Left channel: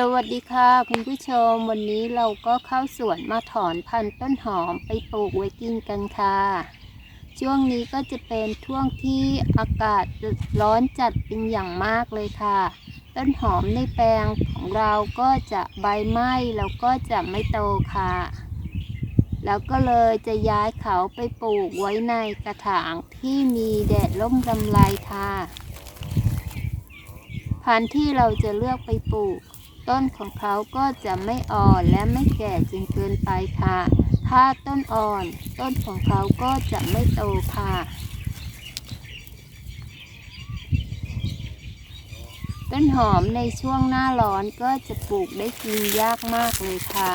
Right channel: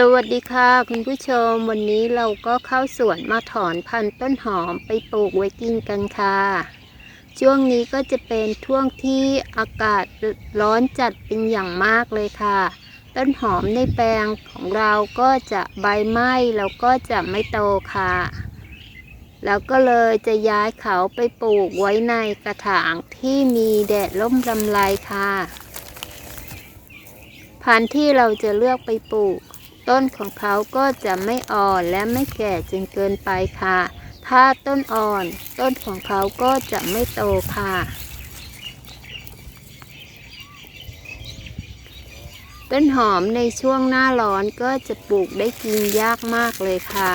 สวัสดีค่ะคุณผู้ชมวันนี้เราก็เข้าสวนมาถอนพันธุ์ต้นหอมไปปลูกไว้กินกันค่ะ ช่วงนี้ก็จะเป็นช่วงที่อากาศร้อนจัดเป็นอย่างมากเลยค่ะ ต้นหอมในแปลงของเราก็จะใบไหม้แล้วก็จะไม่โตค่ะ แล้วก็เลยจะย้ายเขาไปปลูกไว้ในกระถางที่มีแดดร่มลำไรค่ะ พันธุ์ที่เราจะเลือกไปปลูก ต้นของเขาก็จะไม่อ่อนและไม่แก่จนเกินไปค่ะ ถ้าต้นอ่อน ต้นของเขาก็จะไม่โตค่ะ ต้นหอมในช่วงหน้าร้อนก็จะปลูกได้กินยากมากเลยค่ะ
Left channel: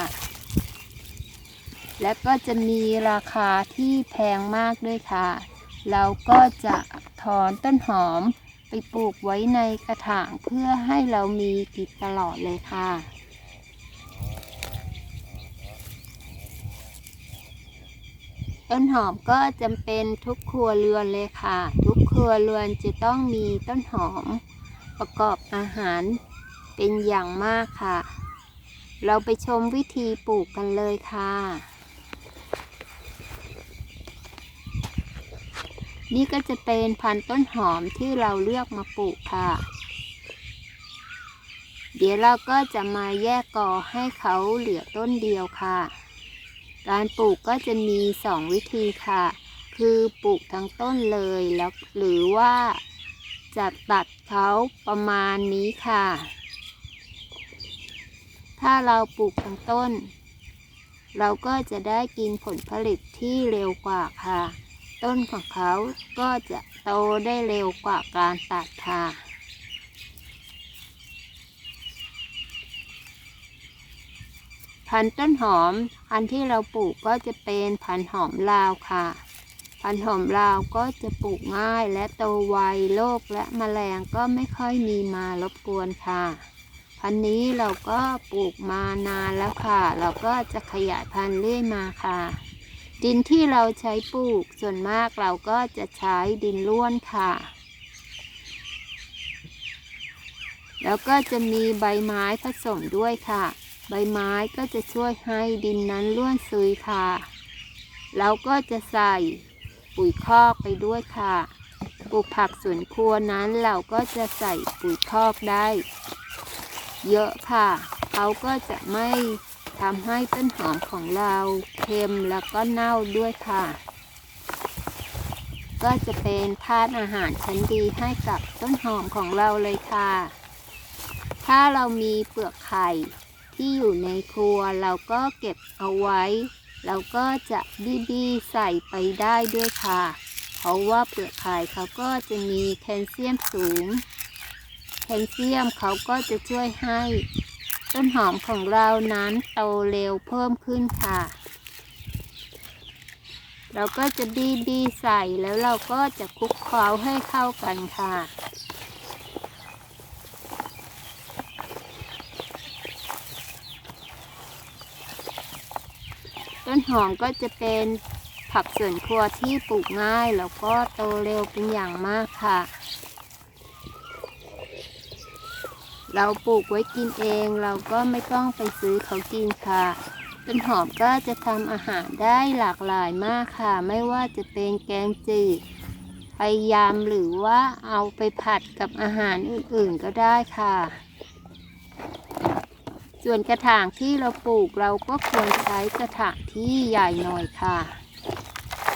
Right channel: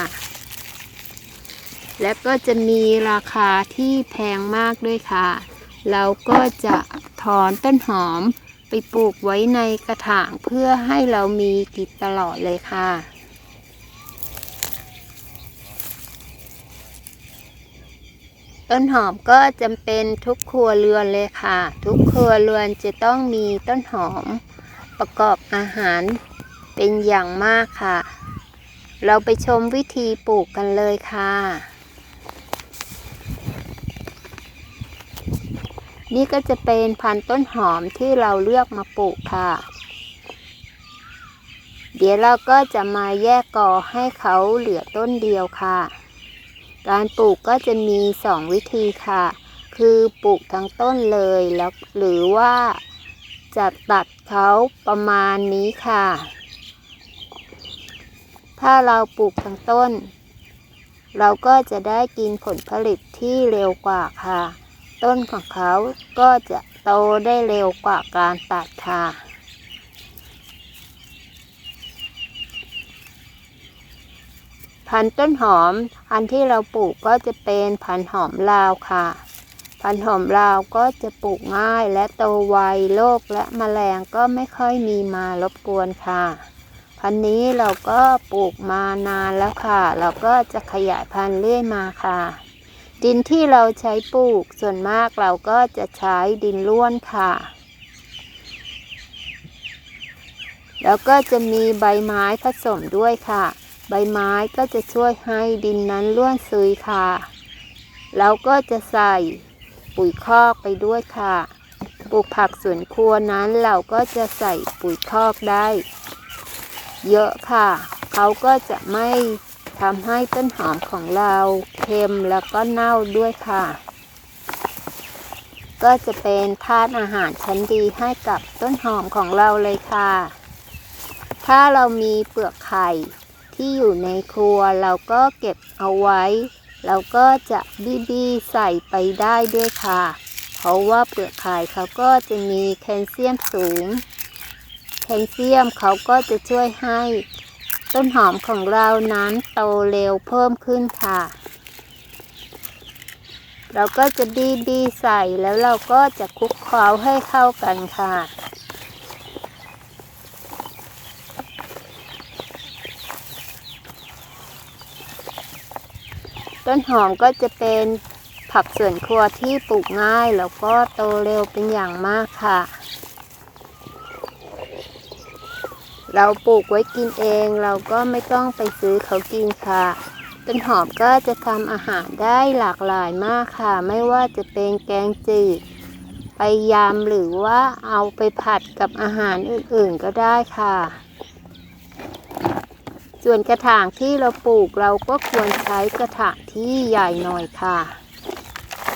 และก็จะมีราคาที่แพงมากด้วยค่ะ เราก็จะถอนต้นหอม ไปปลูกไว้ในกระถางเพื่อให้เรามีกินตลอดเลยค่ะ ต้นหอมก็จำเป็นทุกครัวเรือนเลยค่ะ ทุกครัวเรือนจะต้องมีต้นหอมประกอบอาหารเป็นอย่างมากค่ะ เราไปชมวิธีปลูกกันเลยค่ะ นี่ก็จะเป็นพันธุ์ต้นหอมที่เราเลือกมาปลูกค่ะ เดี๋ยวเราก็จะมาแยกกอให้เขาเหลือต้นเดียวค่ะ การปลูกก็จะมีสองวิธีค่ะ คือปลูกทั้งต้นเลยแล้วหรือว่าจะตัดเขาประมาณนี้ค่ะ ถ้าเราปลูกทั้งต้น เราก็จะได้กินผลผลิตที่เร็วกว่าค่ะ ต้นของเขาก็จะโตได้เร็วกว่าการตัดค่ะพันต้นหอมพันที่เราปลูกก็จะเป็นพันหอมลาวค่ะ พันหอมลาวก็จะปลูกง่ายและโตไวโรคและแมลงก็ไม่ค่อยมีมารบกวนค่ะ พันนี้เราก็ปลูกมานานแล้วค่ะ เราก็จะขยายพันธุ์เรื่อยมาค่ะ ดินที่เราใช้ปลูกส่วนมากเราก็จะใช้ดินร่วนค่ะ แล้วก็จะมีใบไม้ผสมด้วยค่ะ ใบไม้ก็จะช่วยให้ดินนั้นร่วนซุยค่ะแล้วก็จะใส่ปุ๋ยคอกไปด้วยค่ะปลูกผักสวนครัวนั้นเราก็จะใส่ปุ๋ยคอกได้ เยอะค่ะ เขาก็จะไม่ ทำให้ต้นหอมของเราเค็มแล้วก็เน่าด้วยค่ะ ก็จะเป็นธาตุอาหารชั้นดีให้กับต้นหอมของเราเลยค่ะ ถ้าเรามีเปลือกไข่ที่อยู่ในครัวเราก็เก็บเอาไว้ เราก็จะบีบีใส่ไปได้ด้วยค่ะ เพราะว่าเปลือกไข่เขาก็จะมีแคลเซียมสูง แคลเซียมเขาก็จะช่วยให้ ต้นหอมของเรานั้นโตเร็วเพิ่มขึ้นค่ะ เราก็จะบี้บี้ใส่แล้วเราก็จะคลุกเคล้าให้เข้ากันค่ะต้นหอมก็จะเป็นผักสวนครัวที่ปลูกง่ายแล้วก็โตเร็วเป็นอย่างมากค่ะ เราปลูกไว้กินเองเราก็ไม่ต้องไปซื้อเขากินค่ะ ต้นหอมก็จะทำอาหารได้หลากหลายมากค่ะ ไม่ว่าจะเป็นแกงจืดไปยำหรือว่าเอาไปผัดกับอาหารอื่นๆก็ได้ค่ะ ส่วนกระถางที่เราปลูกเราก็ควรใช้กระถางที่ใหญ่หน่อยค่ะ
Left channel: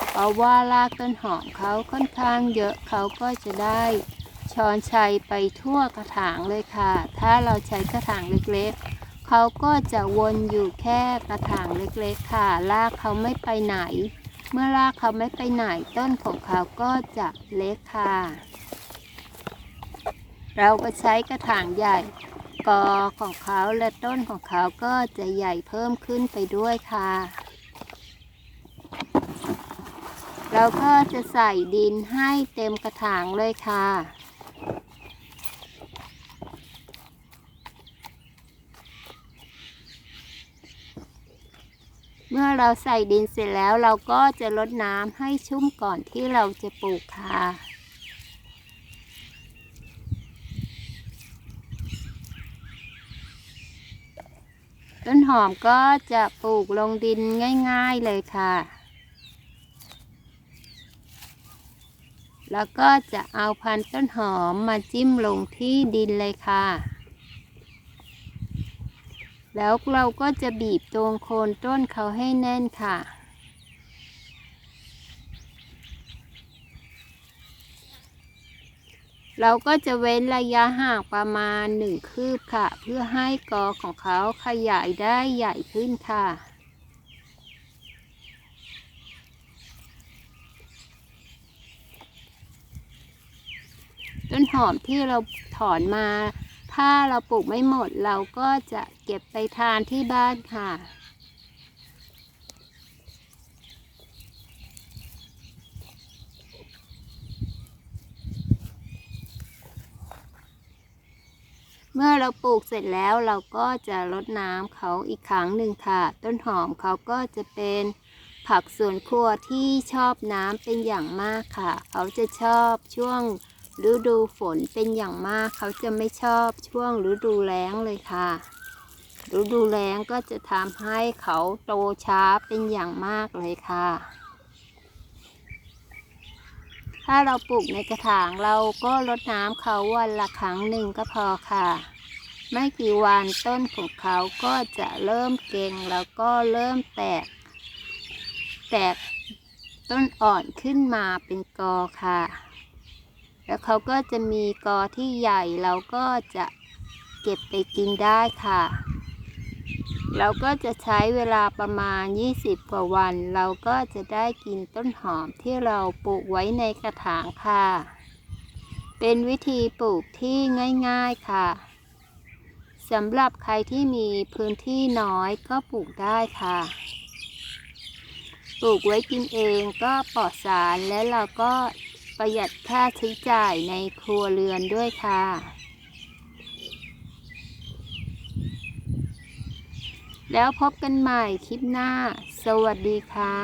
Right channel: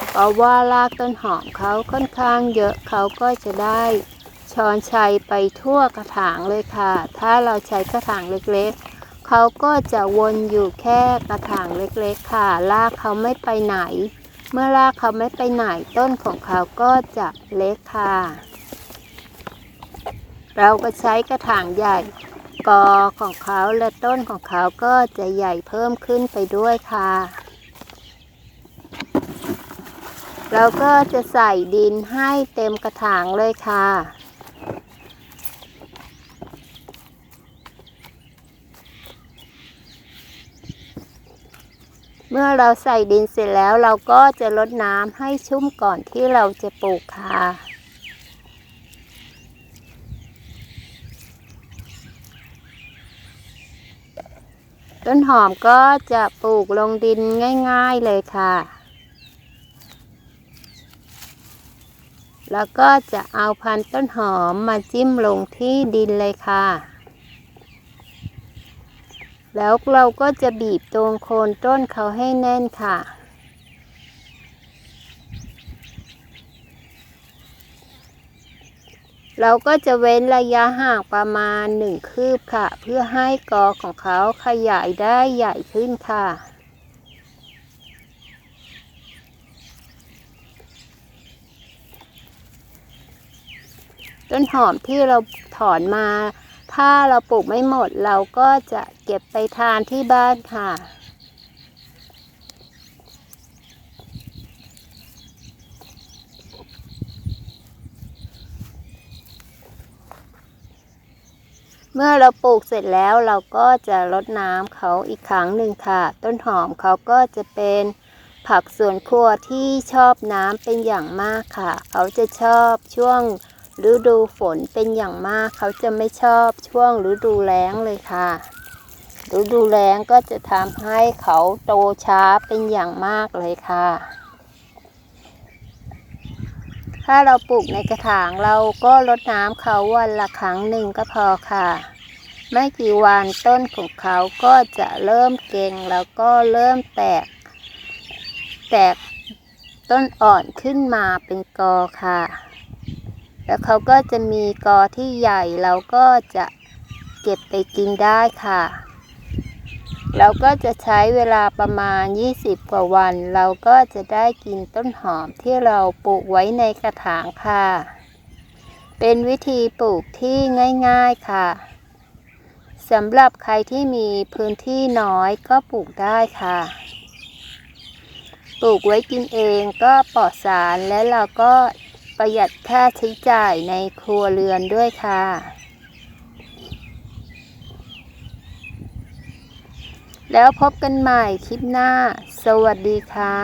เพราะว่ารากต้นหอมเขาค่อนข้างเยอะเขาก็จะได้ ช้อนชัยไปทั่วกระถางเลยค่ะ ถ้าเราใช้กระถางเล็กๆ เขาก็จะวนอยู่แค่กระถางเล็กๆ ค่ะ รากเขาไม่ไปไหน เมื่อรากเขาไม่ไปไหนต้นของเขาก็จะเล็กค่ะ เราก็ใช้กระถางใหญ่กอของเขาและต้นของเขาก็จะใหญ่เพิ่มขึ้นไปด้วยค่ะ เราก็จะใส่ดินให้เต็มกระถางเลยค่ะ เมื่อเราใส่ดินเสร็จแล้วเราก็จะรดน้ำให้ชุ่มก่อนที่เราจะปลูกค่ะต้นหอมก็จะปลูกลงดินง่าย ๆเลยค่ะ แล้วก็จะเอาพันธุ์ต้นหอมมาจิ้มลงที่ดินเลยค่ะ แล้วเราก็จะบีบตรงโคนต้นเขาให้แน่นค่ะ เราก็จะเว้นระยะห่างประมาณหนึ่งคืบค่ะ เพื่อให้กอของเขาขยายได้ใหญ่ขึ้นค่ะต้นหอมที่เราถอนมา ถ้าเราปลูกไม่หมดเราก็จะเก็บไปทานที่บ้านค่ะ เมื่อเราปลูกเสร็จแล้วเราก็จะรดน้ำเขาอีกครั้งหนึ่งค่ะ ต้นหอมเขาก็จะเป็นผักสวนครัวที่ชอบน้ำเป็นอย่างมากค่ะ เขาจะชอบช่วง ฤดูฝนเป็นอย่างมากเขาจะไม่ชอบช่วงฤดูแล้งเลยค่ะฤดูแล้งก็จะทำให้เขาโตช้าเป็นอย่างมากเลยค่ะ ถ้าเราปลูกในกระถางเราก็รดน้ำเขาวันละครั้งหนึ่งก็พอค่ะ ไม่กี่วันต้นของเขาก็จะเริ่มเก่งแล้วก็เริ่มแตก แตกต้นอ่อนขึ้นมาเป็นกอค่ะ แล้วเขาก็จะมีกอที่ใหญ่เราก็จะเก็บไปกินได้ค่ะ เราก็จะใช้เวลาประมาณ 20 กว่าวัน เราก็จะได้กินต้นหอมที่เราปลูกไว้ในกระถางค่ะ เป็นวิธีปลูกที่ง่ายๆค่ะสำหรับใครที่มีพื้นที่น้อยก็ปลูกได้ค่ะ ปลูกไว้กินเองก็ปลอดสารและเราก็ ประหยัดค่าใช้จ่ายในครัวเรือนด้วยค่ะ แล้วพบกันใหม่คลิปหน้า สวัสดีค่ะ